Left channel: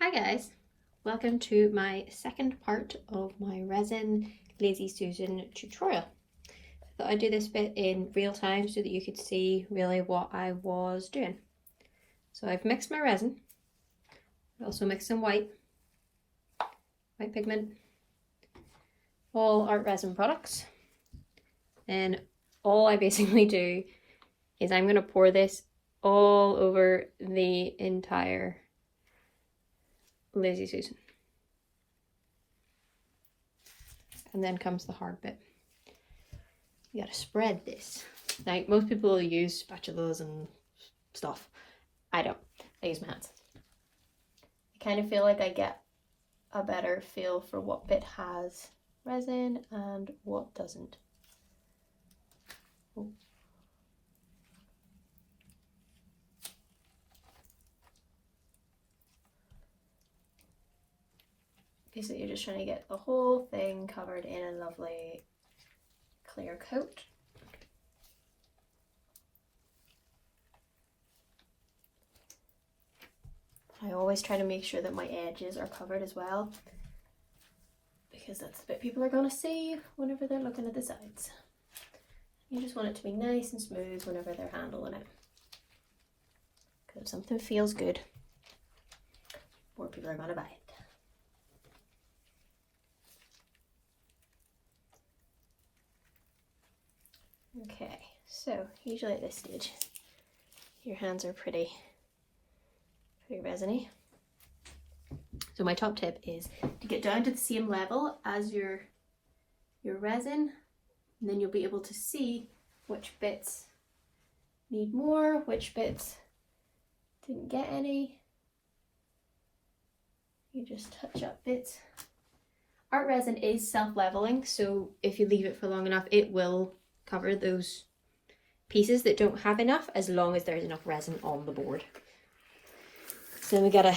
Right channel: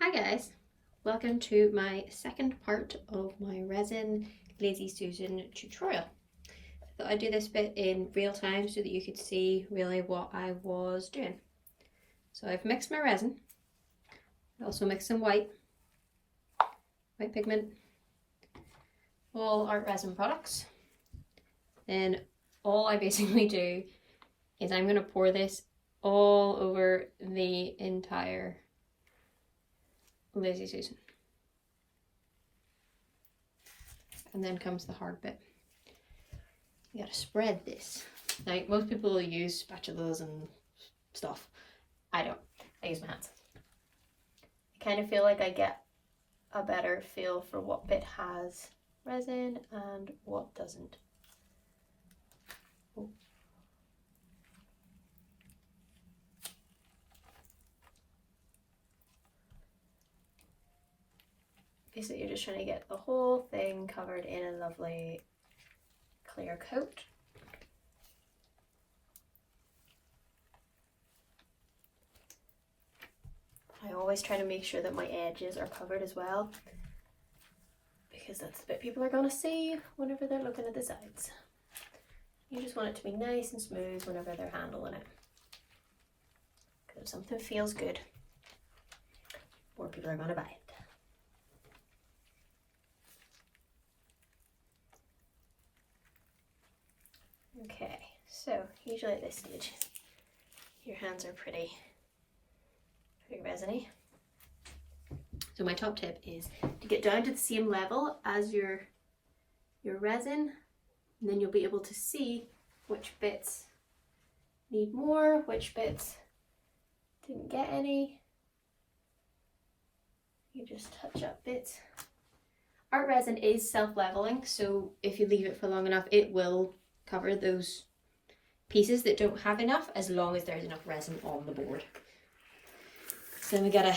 Hi guys, welcome to my second part of my resin Lazy Susan tutorial. I thought I'd do this bit in real time so that you could see really what I was doing. So I've mixed my resin, I also mixed some white pigment, all art resin products. Then all I basically do is I'm going to pour this all over the entire Lazy Susan. And then comes the hard bit. You gotta spread this. Now, most people use spatulas and stuff. I don't. I use my hands. I kind of feel like I get a better feel for what bit has resin and what doesn't. Oh. Basically, you're just trying to get the whole thing covered in a lovely clear coat. I always try to make sure that my edges are covered as well, because that's the bit people are going to see whenever they're looking at the sides. You just want it to be nice and smooth whenever they're handling it, because if something feels good, more people are going to buy it. Okay, so usually at this stage, your hands are pretty resiny. So my top tip is to get down to the same level as your resin, and then you'll be able to see which bits need more, which bits didn't get any. You just touch up bits. Art resin is self-leveling, so if you leave it for long enough, it will cover those pieces that don't have enough, as long as there's enough resin on the board. So then we gotta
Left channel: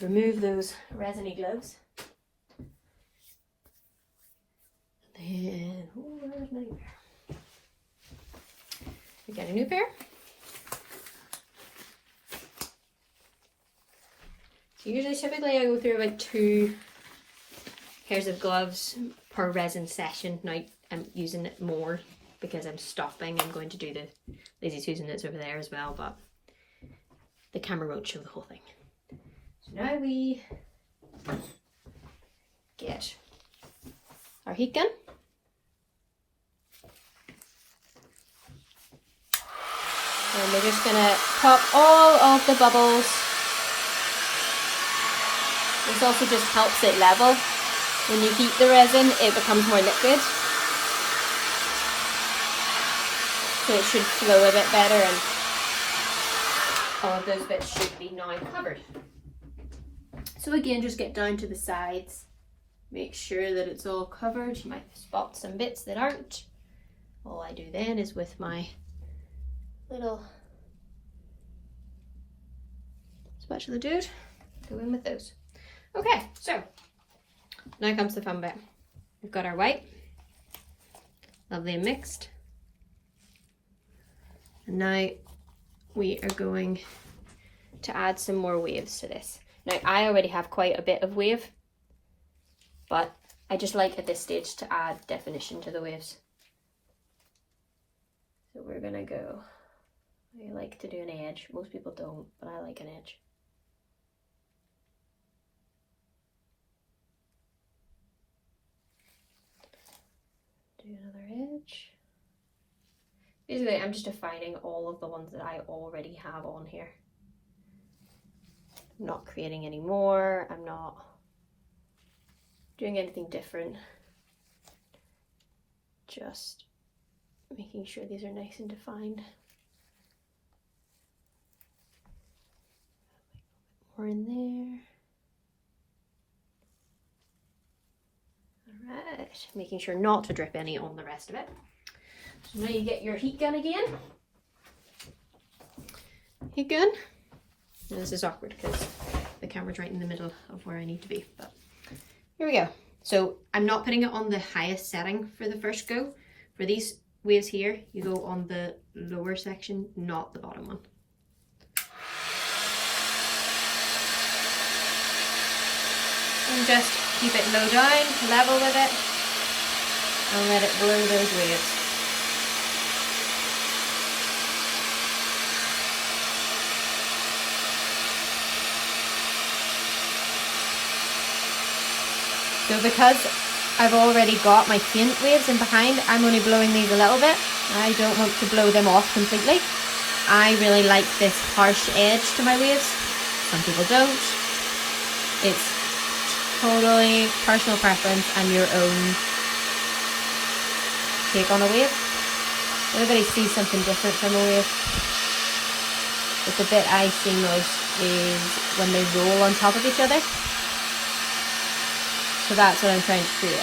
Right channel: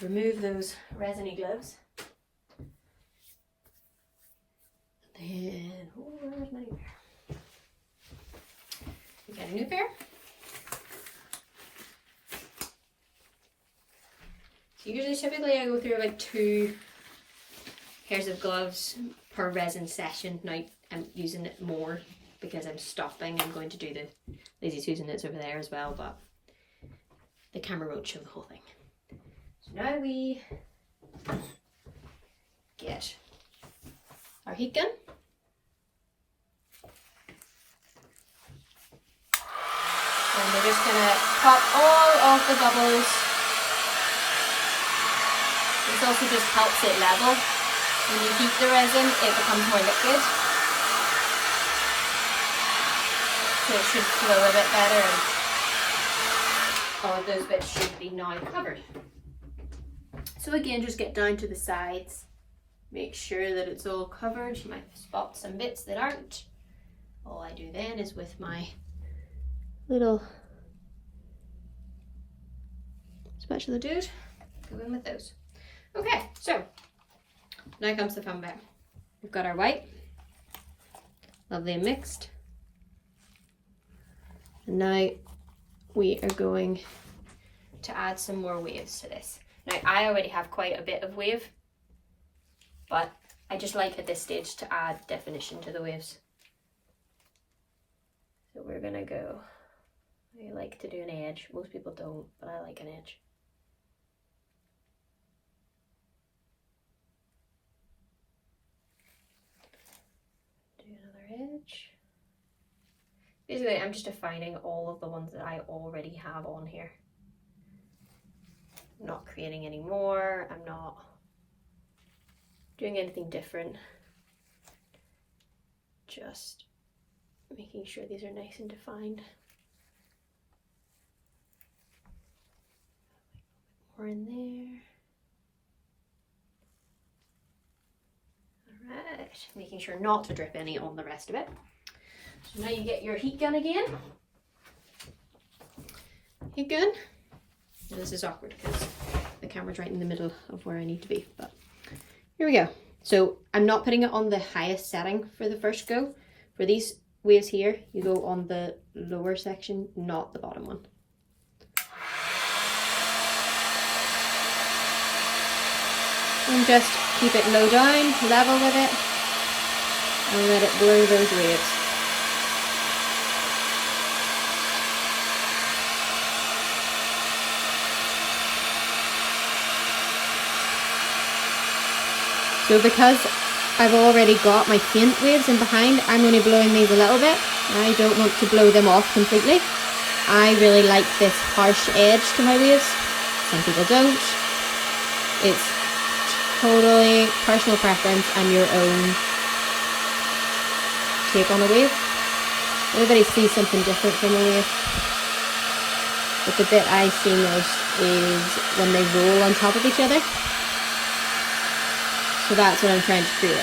remove those resiny gloves. Then, oh, where's my new pair? We got a new pair. So usually, typically I go through about 2 pairs of gloves per resin session. Now I'm using it more because I'm stopping. I'm going to do the Lazy Susan that's over there as well, but the camera won't show the whole thing. So now we get our heat gun. And we're just gonna pop all of the bubbles. This also just helps it level. When you heat the resin, it becomes more liquid. So it should flow a bit better, and all of those bits should be now covered. So again, just get down to the sides. Make sure that it's all covered. You might spot some bits that aren't. All I do then is with my little spatula dude, go in with those. Okay, so now comes the fun bit. We've got our white, lovely and mixed. And now we are going to add some more waves to this. Now I already have quite a bit of wave, but I just like at this stage to add definition to the waves. So we're gonna go, I like to do an edge. Most people don't, but I like an edge. Do another edge. Basically, I'm just defining all of the ones that I already have on here. I'm not creating any more. I'm not doing anything different. Just making sure these are nice and defined. More in there. Alright, making sure not to drip any on the rest of it. So now you get your heat gun again. Heat gun. And this is awkward because the camera's right in the middle of where I need to be. But here we go. So I'm not putting it on the highest setting for the first go. For these waves here, you go on the lower section, not the bottom one. And just keep it low down, level with it, and let it blow those waves. So because I've already got my paint waves in behind, I'm only blowing these a little bit. I don't want to blow them off completely. I really like this harsh edge to my waves. Some people don't. It's totally personal preference and your own take on a wave. Everybody sees something different from a wave. But the bit I see most is when they roll on top of each other. So that's what I'm trying to create.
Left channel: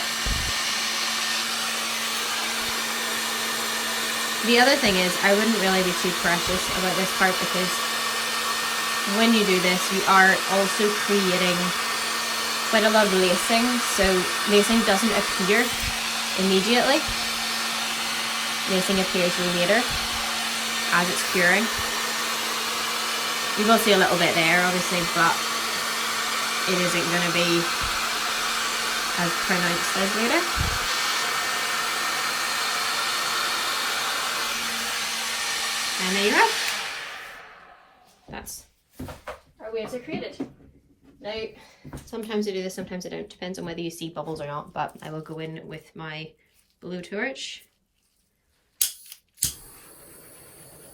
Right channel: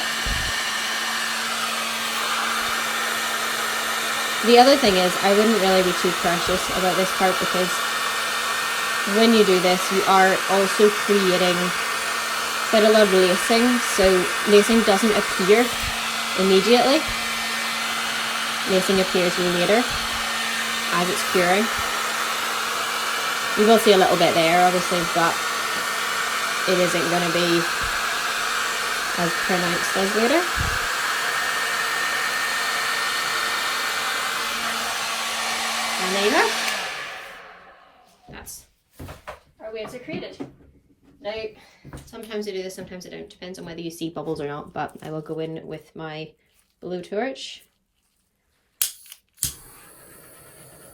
The other thing is, I wouldn't really be too precious about this part because when you do this, you are also creating quite a lot of lacing. So lacing doesn't appear immediately. Lacing appears later as it's curing. You will see a little bit there, obviously, but it isn't going to be as permanent as later. And there you go. That's our waves are created. Now, sometimes I do this, sometimes I don't. Depends on whether you see bubbles or not, but I will go in with my blowtorch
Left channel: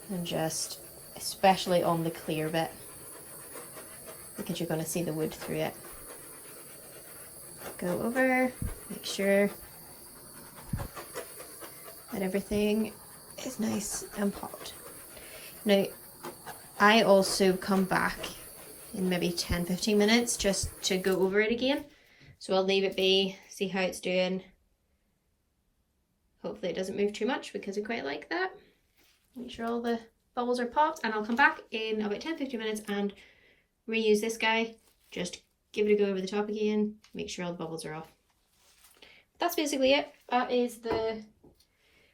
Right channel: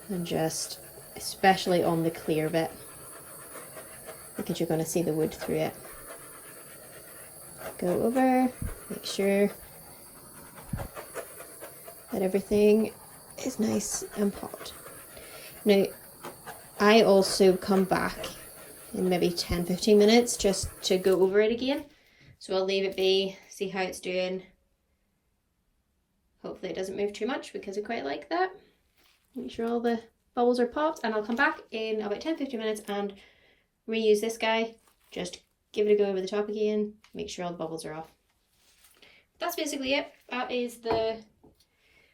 and just, especially on the clear bit, because you're going to see the wood through it. Go over, make sure that everything is nice and popped. Now, I also come back in maybe 10-15 minutes just to go over it again. So I'll leave it be, see how it's doing. Hopefully it doesn't move too much because I quite like that. Make sure all the bubbles are popped, and I'll come back in about 10-15 minutes and reuse this guy. Just give it a go over the top again, make sure all the bubbles are off. That's basically it. That is the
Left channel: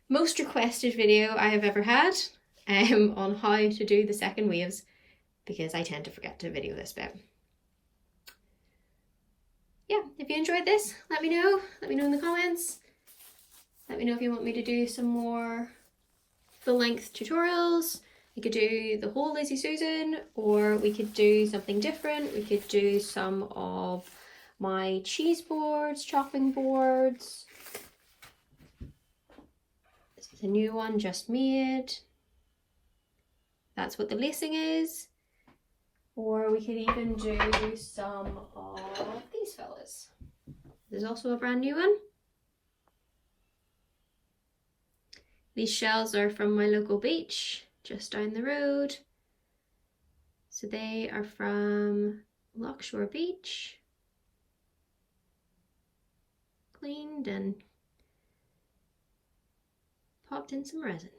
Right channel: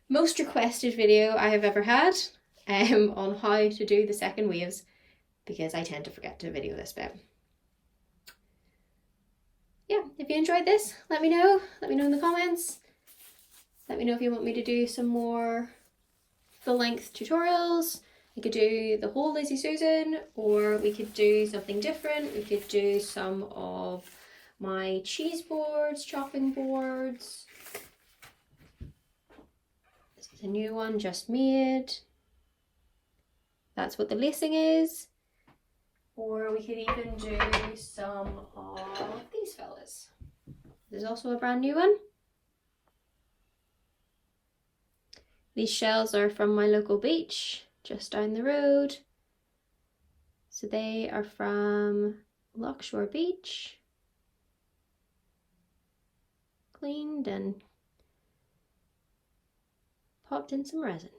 most requested video I have ever had on how to do the second waves, because I tend to forget to video this bit. Yeah, if you enjoyed this, let me know. Let me know in the comments. Let me know if you want me to do some more full-length tutorials. We could do the whole Lazy Susan, or we could do something different. We could do some of my cheese boards, chopping boards. This is a new one just made. That's what the lacing is. Or we could even do some of these fellas. There's also a brand new one. These shells are from my local beach just down the road. So they are from Lockshore Beach. Cleaned and popped in some resin.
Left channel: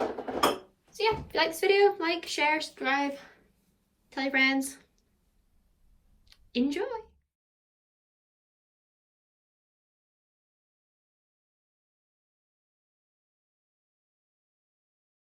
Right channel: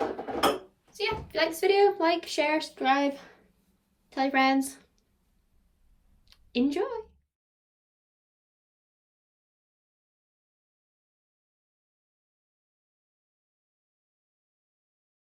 So yeah, if you like this video, like, share, subscribe, tell your friends. Enjoy!